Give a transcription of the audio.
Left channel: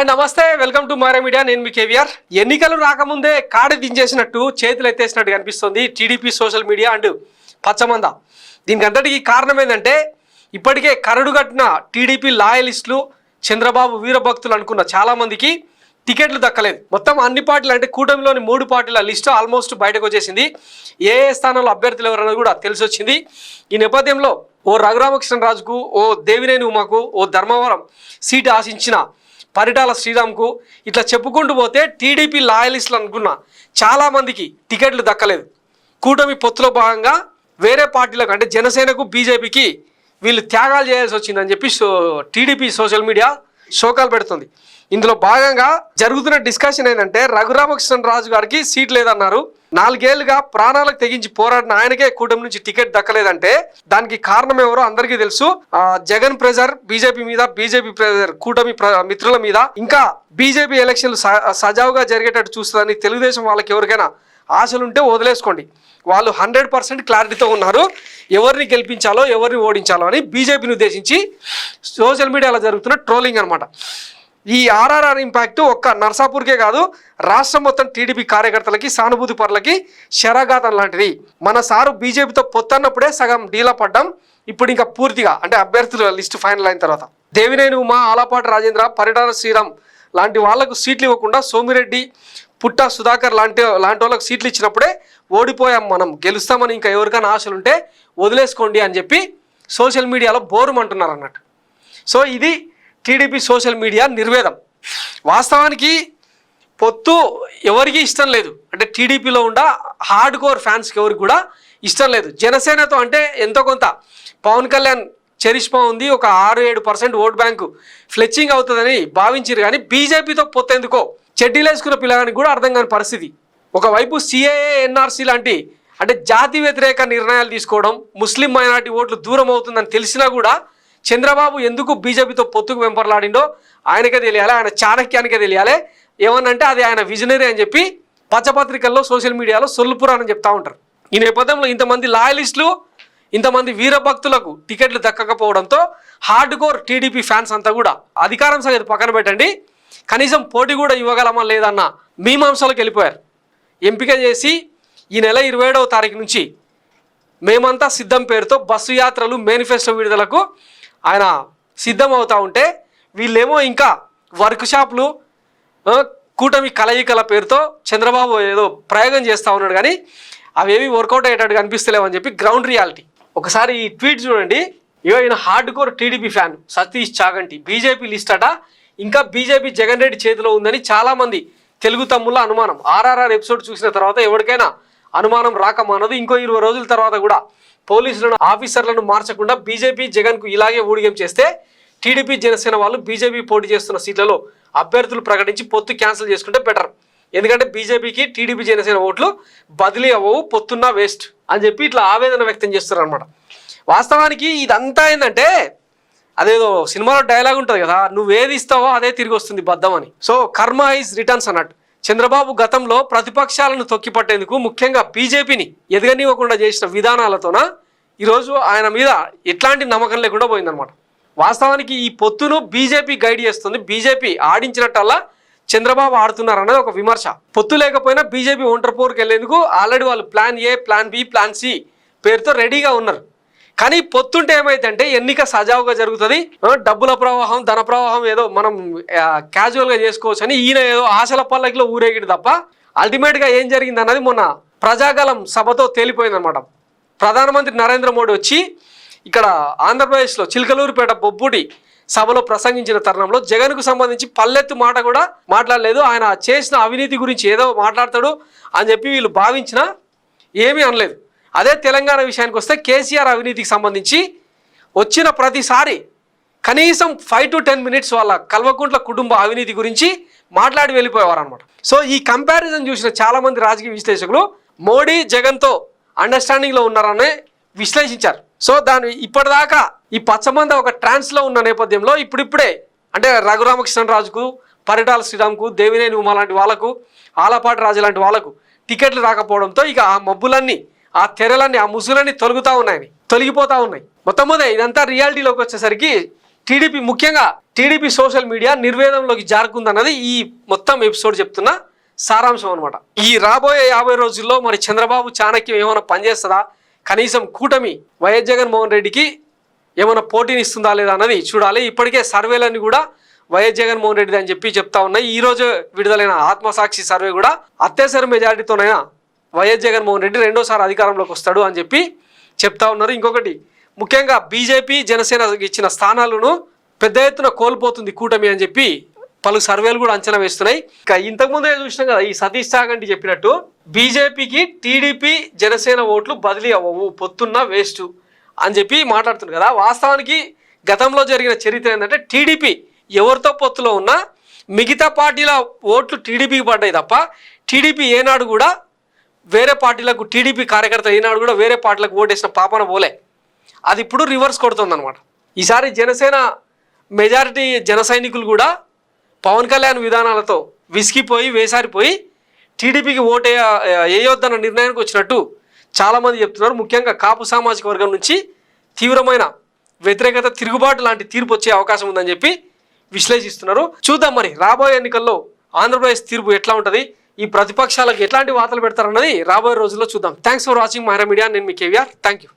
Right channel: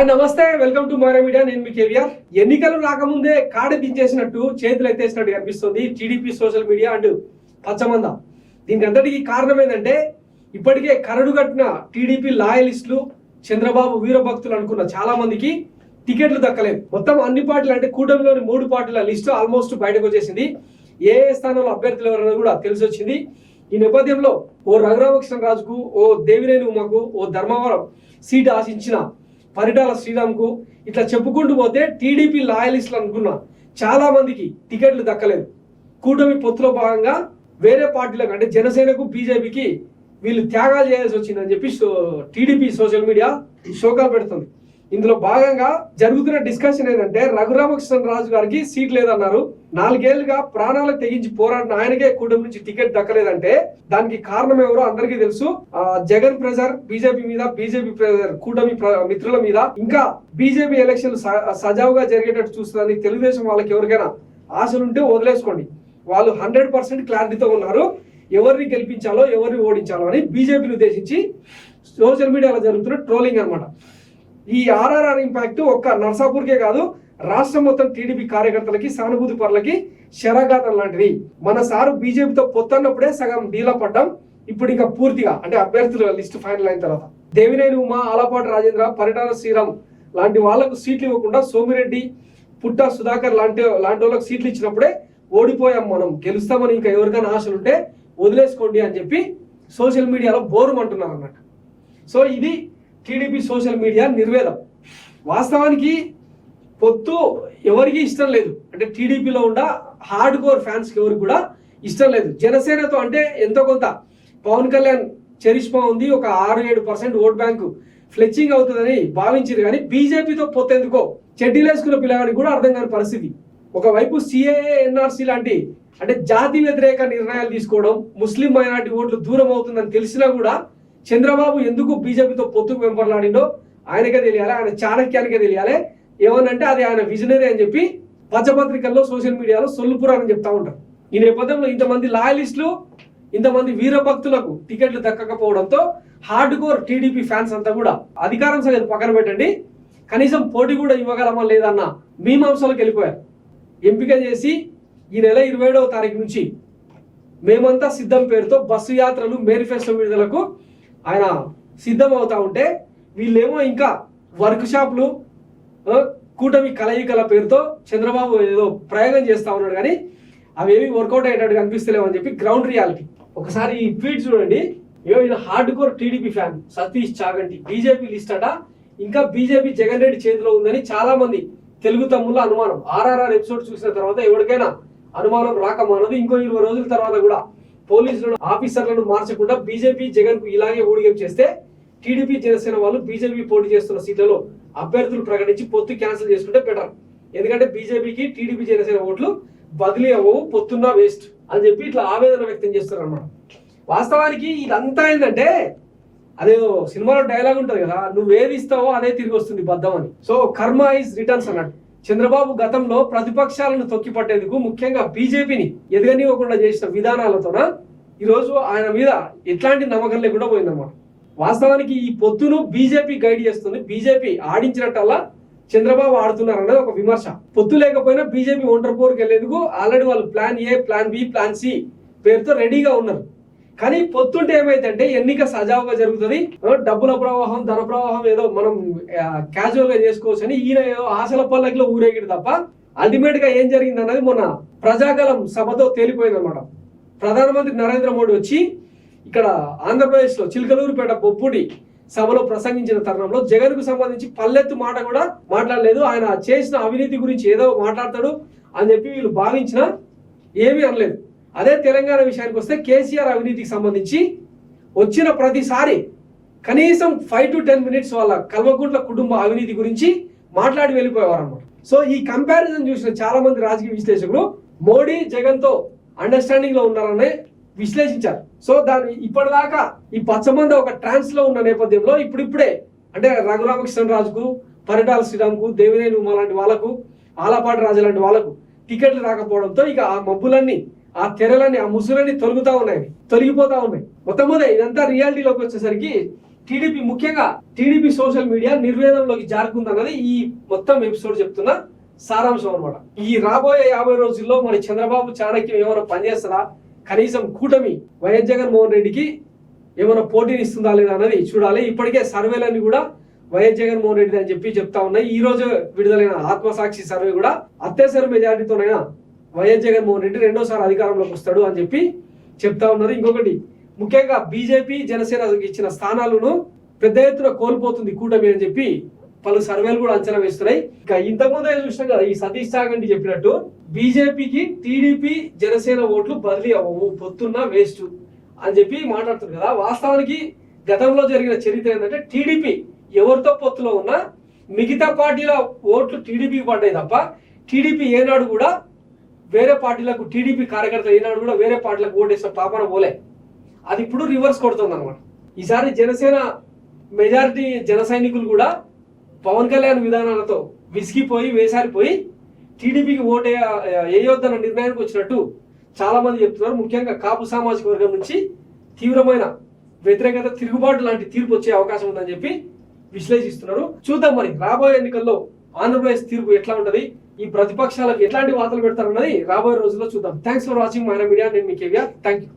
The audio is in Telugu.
హాయ్ నమస్తే, వెల్కమ్ టు మారే మీడియా. నేను మీ కేవీఆర్. ఎన్నికలు రాకముందే కాడ దించేసినట్టు చేతులు ఎత్తేసినట్టు కనిపిస్తుంది టీడీపీ సోషల్ మీడియా అండ్ పచ్చమంద. దీనికి అంతటికి కారణం ఏంటంటే ఇప్పటికే కరడు కట్టిన టీడీపీ లాయలిస్టులు, చంద్రబాబు వీరభక్తులు అనుకున్న చాలామందికి టికెట్లు దక్కలేదు. మొత్తం అన్ని పార్టీలు అంటే కూటమిలోని 3 పార్టీల లిస్టు ఆల్మోస్ట్ బయటకు వచ్చేసింది. ఏ స్థానంలో అభ్యర్థులు ఎవరన్నది కూడా తెలిసి వచ్చింది. ఈ నేపథ్యంలో ఓ రఘురామకృష్ణరాజుకు, ఓ దేవినేని ఉమాకు, ఓ ధర్మవరం సీటు ఆశించిన పరిటాల శ్రీరామ్కు ఇట్లా చెప్పుకుంటూ పోతే టీడీపీ లాయలిస్టులు అనుకున్న చాలామందికి టికెట్లు దక్కలేదు. కూటమి పొత్తులో భాగంగా వేరే పార్టీలకు అంటే జనసేనకు, బీజేపీకి వీళ్ళు త్యాగాలు చేయాల్సి వచ్చిందని చెప్పి టీడీపీ సోషల్ మీడియా శోకాలు పెడుతుంది. ఇందులో భాగంగా జరుగుతున్న డిస్కషన్ ఏంటంటే రఘురామకృష్ణరాజు గారికి సీట్ లేదన్నారు. 4 ఏళ్లుగా ప్రాణాలకు తెగించి పోరాడిన ఆయనకే కూటమి నుంచి టికెట్ దక్కలేదంటే దానికి కారణం ఎవరో అందరికీ తెలుసు. జగన్ ప్రెజర్ బీజేపీ మీద, బీజేపీ ప్రెజర్ కూటమి మిత్రుల మీద, ఇంకా బీజేపీ ఎలక్షన్లు సజావుగా జరిగేటట్టు చూస్తుందని తెలుగుదేశం వాళ్ళకి ఎవరికైనా ఆశలుంటే వదిలేసుకోండి. వాళ్ళు 100% క్లారిటీతో ఉన్నారు ఎవరిని గెలిపించాలో, ఎవరిని ఓడించాలో అని. బీజేపీని ఉద్దేశించి సోషల్ మీడియాలో జరుగుతున్న ట్రోలింగ్ అనమాట. ఈ ఆర్ఆర్ఆర్ ఇంపాక్ట్ ఒక్క నర్సాపూర్కే కాదు, రాష్ట్రం మొత్తం టీడీపీ కార్యకర్తలకి, సానుభూతి పరులకి శరఘాతం లాంటిది. మన సారు బీజేపీతో పొత్తన్నప్పుడే సగం డీలా పడ్డాం. ఇప్పుడు ఇంకా పూర్తిగా అంటే అభ్యర్థుల లిస్టు ఫైనల్ అయిన తర్వాత దేవినేని ఉమా, ఆలపాటి రాజేంద్ర, పరిటాల శ్రీరామ్ లాంటి వాళ్లకు సీట్లు ఇవ్వకుండా సోమిరెడ్డి, పుట్ట సుధాకర్ లాంటి వాళ్ళకి సీట్లు ఇచ్చినప్పుడే ఓడిపోయాం, మనం గెలుస్తామని ఇంకా ఎవరికైనా ఆశలుంటే వదిలేసుకోండి అని చెప్పి సోషల్ మీడియాలో బోరుమంటున్నారు అన్నట్టు. సో ఇది టీడీపీ సోషల్ మీడియా నిర్వేదం. వాస్తవానికి పొత్తు ఎవరికి ఇష్టం లేదు, అంటే టీడీపీలో ఉన్న హార్డ్ కోర్ ఫ్యాన్స్కి ఎవరికి కూడా ఇష్టం లేదు. జనసేనతో అంటే ఎంతో కొంత పవన్ కళ్యాణ్ చరిష్మా ఉంది, ఒక 6-7% ఓట్ బ్యాంకు ఫ్లెచ్చింగ్ అవుతుందని భావించారు. కానీ బీజేపీతో పొత్తు ఎందుకో చెడ్డీలేసుకున్న పిల్లగానికి కూడా అర్థం కాని పరిస్థితి. ఒకవైపు సిఏఏ, ఎన్ఆర్సీ లాంటి అంటే జాతి వ్యతిరేక నిర్ణయాలు తీసుకోవడం, ముస్లిం మైనార్టీ ఓట్లు దూరం అవుతుందని తెలిసినా కూడా చంద్రబాబు ఎందుకు బీజేపీతో పొత్తుకు వెంపర్లాడిండో ఆయనకే తెలియాలి, ఆయన చాణక్యానికే తెలియాలి. ఏమన్నంటే అది ఆయన విజనరీ అని చెప్పి పచ్చపత్రికల్లో, సోషల్ మీడియాలో సొల్లుపురాని చెప్తా ఉంటారు. ఈ నేపథ్యంలో ఇంతమంది లాయలిస్టులు, ఇంతమంది వీరభక్తులకు టికెట్లు దక్కకపోవడంతో హార్డ్ కోర్ టీడీపీ ఫ్యాన్స్ అంతా కూడా అధికారం సంగతి పక్కన పెట్టండి, కనీసం పోటీ కూడా ఇవ్వగలమా లేదన్న మీమాంసలోకి వెళ్ళిపోయారు. ఎంపిక చేసి ఈ నెల 27వ తారీఖు నుంచి మేమంతా సిద్ధం పేరుతో బస్సు యాత్రలు, మేనిఫెస్టో విడుదలకు ఆయన సిద్ధం అవుతూ ఉంటే వీళ్ళేమో ఇంకా వర్క్ షాపులు, కూటమి కలయికల పేరుతో చంద్రబాబు ఏదో ప్రయోగం చేస్తూ ఉన్నాడు. కానీ అవేవి వర్కౌట్ అయ్యేటట్టు కనిపిస్తలేవని చెప్పి గ్రౌండ్ రియాలిటీ. ఒకసారి ఈ ట్వీట్ చూడండి. ఈయన hard core TDP fan Satish Chaganti, BJP list అట ఇంకా బీజేపీ జగన్ రెడ్డి చేతిలో ఉందని చాలామంది తెలుగు తమ్ముళ్ళ అనుమానం. ఆర్ఆర్ఆర్ ఎపిసోడ్ చూసిన తర్వాత ఎవరికైనా అనుమానం రాకమానదు. ఇంకో 20 రోజుల తర్వాత కూడా పోలీసులను, ఆఫీసర్లను మార్చకుండా బీజేపీ జగన్కు ఇలాగే ఊడిగం చేస్తే టీడీపీ, జనసేన వాళ్ళు బీజేపీ పోటీ చేస్తున్న సీట్లలో అభ్యర్థులు ప్రకటించి పొత్తు క్యాన్సిల్ చేసుకుంటే బెటర్. ఎందుకంటే బీజేపీకి టీడీపీ, జనసేన ఓట్లు బదిలీ అవ్వవు, పొత్తున్నా వేస్ట్ అని చెప్పి ఇట్లా ఆవేదన వ్యక్తం చేస్తున్నారు అనమాట. వాస్తవానికి ఇదంతా ఏంటంటే అదేదో సినిమాలో డైలాగ్ ఉంటుంది కదా, నువ్వు ఏది ఇస్తావో అదే తిరిగి వస్తుంది బద్దం అని. సో కర్మ ఈజ్ రిటర్న్స్ అన్నట్టు. చంద్రబాబు గతంలో ప్రతిపక్షాలను తొక్కిపట్టేందుకు, ముఖ్యంగా బీజేపీని ఎదగనివ్వకుండా చేసిన విధానాలతోన ఈరోజు ఆయన మీద ఎట్లాంటి నమ్మకం లేకుండా పోయిందనమాట. వాస్తవానికి ఈ పొత్తును బీజేపీ గైడ్ చేస్తుంది. బీజేపీ ఆడించినట్టల్లా చంద్రబాబు ఆడుతున్నారు అన్నది ఒక విమర్శ. పొత్తు లేకపోయినా బీజేపీ ఒంటరి పోరుకు వెళ్లేందుకు ఆల్రెడీ వాళ్ళు plan A, plan B, plan C పేరుతో రెడీగా ఉన్నారు. కానీ పొత్తుంటే ఏమైందంటే ఎన్నిక సజావుగా జరుగుతుంది, డబ్బుల ప్రవాహం, ధన ప్రవాహం ఏదో మనం క్యాజువల్గా చేసుకోవచ్చు అని ఈయన ఏదో ఆశల పల్లకిలో ఊరేగిడు తప్ప అల్టిమేట్గా ఏం జరిగింది అన్నది మొన్న ప్రజాకాలం సభతో తేలిపోయిందనమాట. ప్రధానమంత్రి నరేంద్ర మోడీ వచ్చి ఇక్కడ ఆంధ్రప్రదేశ్లో చిలకలూరుపేట బొబ్బుడి సభలో ప్రసంగించిన తరుణంలో జగన్కు సంబంధించి పల్లెత్తు మాట కూడా మాట్లాడలేదు. ఆయన చేసిన అవినీతి గురించి ఏదో మాట్లాడతాడు అని చెప్పి వీళ్ళు భావించినా ఏమీ అనలేదు. అదే తెలంగాణ విషయానికి వస్తే కేసీఆర్ అవినీతికి సంబంధించి వచ్చిన ప్రతిసారి కనీసం 5 to 10 minutes వాళ్ళ కల్వకుంట్ల కుటుంబ అవినీతి గురించి మాట్లాడి వెళ్ళిపోయేవారు అనమాట. సో ఈ కంపారిజన్ చూసిన చాలామంది రాజకీయ విశ్లేషకులు మోడీ జగన్తో అండర్స్టాండింగ్లో ఉన్నారని విశ్లేషించారు. సో దాని ఇప్పటిదాకా ఈ పచ్చమంద ఒక ట్రాన్స్లో ఉన్న నేపథ్యంలో ఇప్పుడిప్పుడే అంటే రఘురామకృష్ణరాజుకు, పరిటాల శ్రీరామ్కు, దేవినేని ఉమా లాంటి వాళ్ళకు, ఆలపాటి రాజు లాంటి వాళ్ళకు టికెట్లు రాకపోవడంతో ఇక ఆ మబ్బులన్నీ, ఆ తెరలన్నీ, ఆ ముసులన్నీ తొలగిపోతా ఉన్నాయి. మొత్తం మీద ఇదంతా రియాలిటీలోకి వచ్చేసరికి టీడీపీ ముఖ్యంగా టీడీపీ సోషల్ మీడియా నిర్వేదంలోకి జారుకుందన్నది ఈ మొత్తం ఎపిసోడ్ చెప్తున్న సారాంశం అనమాట. ఈ రాబోయే 50 రోజుల్లో మరి చంద్రబాబు చాణక్యం ఏమైనా పనిచేస్తుందా, కనీసం కూటమి వైఎస్ జగన్మోహన్ రెడ్డికి ఏమైనా పోటీని ఇస్తుందా లేదా అన్నది చూడాలి. ఇప్పటికే సర్వేలన్నీ కూడా వైఎస్ జగన్మోహన్ రెడ్డి అని చెప్పి చెప్తా ఉన్నాయి. ఈ రోజు విడుదలైన ఆత్మసాక్షి సర్వే కూడా అత్యవసర మెజారిటీతోనైనా వైఎస్ జగన్మోహన్ రెడ్డి రెండోసారి అధికారంలోకి వస్తాడు అని చెప్పి చెప్తా ఉన్నారు. ఇంకొకటి ముఖ్యంగా బీజేపీ జనసేన ఇచ్చిన స్థానాలను పెద్ద ఎత్తున కోల్పోతుంది కూటమి అని చెప్పి పలు సర్వేలు కూడా అంచనా వేస్తున్నాయి. ఇంకా ఇంతకుముందే చూసినాం కదా, ఈ సతీష్ చాగంటి చెప్పినట్టు బీజేపీకి టీడీపీ జనసేన ఓట్లు బదిలీ అవ్వవు, పొత్తున్న వేస్ట్ అని చెప్పి మాట్లాడుతున్నారు కదా. వాస్తవానికి గతంలో జరిగిన చరిత్ర ఏంటంటే టీడీపీ ఎవరితో పొత్తులో ఉన్నా మిగతా పార్టీల ఓట్లు టీడీపీకి పడ్డాయి తప్ప టీడీపీ ఏనాడు కూడా వేరే పార్టీలకు, టీడీపీ కార్యకర్తలు ఏనాడు కూడా వేరే పార్టీలకు ఓటేసిన పాపన పోలే. అది ఇప్పుడు రివర్స్ కొడుతుంది అనమాట. ఈసారి జనసేన మెజారిటీ జన సైనికులు కూడా పవన్ కళ్యాణ్ విధానాలతో విసిగిపోయి వేసారిపోయి టీడీపీకి ఓటే వేయొద్దన్న నిర్ణయానికి వచ్చినట్టు చాలామంది చెప్తున్నారు. ముఖ్యంగా కాపు సామాజిక వర్గం నుంచి తీవ్రమైన వ్యతిరేకత, తిరుగుబాటు లాంటి తీర్పు వచ్చే అవకాశం ఉందని చెప్పి విశ్లేషిస్తున్నారు. చూద్దాం మరి రాబోయే ఎన్నికల్లో ఆంధ్రప్రదేశ్ తీర్పు ఎట్లా ఉంటుంది, ఈ ప్రతిపక్షాలకు ఎట్లాంటి వార్తలు పెడతారన్నది రాబోయే రోజుల్లో చూద్దాం. థ్యాంక్స్ ఫర్ వాచింగ్ మహారా మీడియా. నేను మీ కేవీఆర్. Thank you.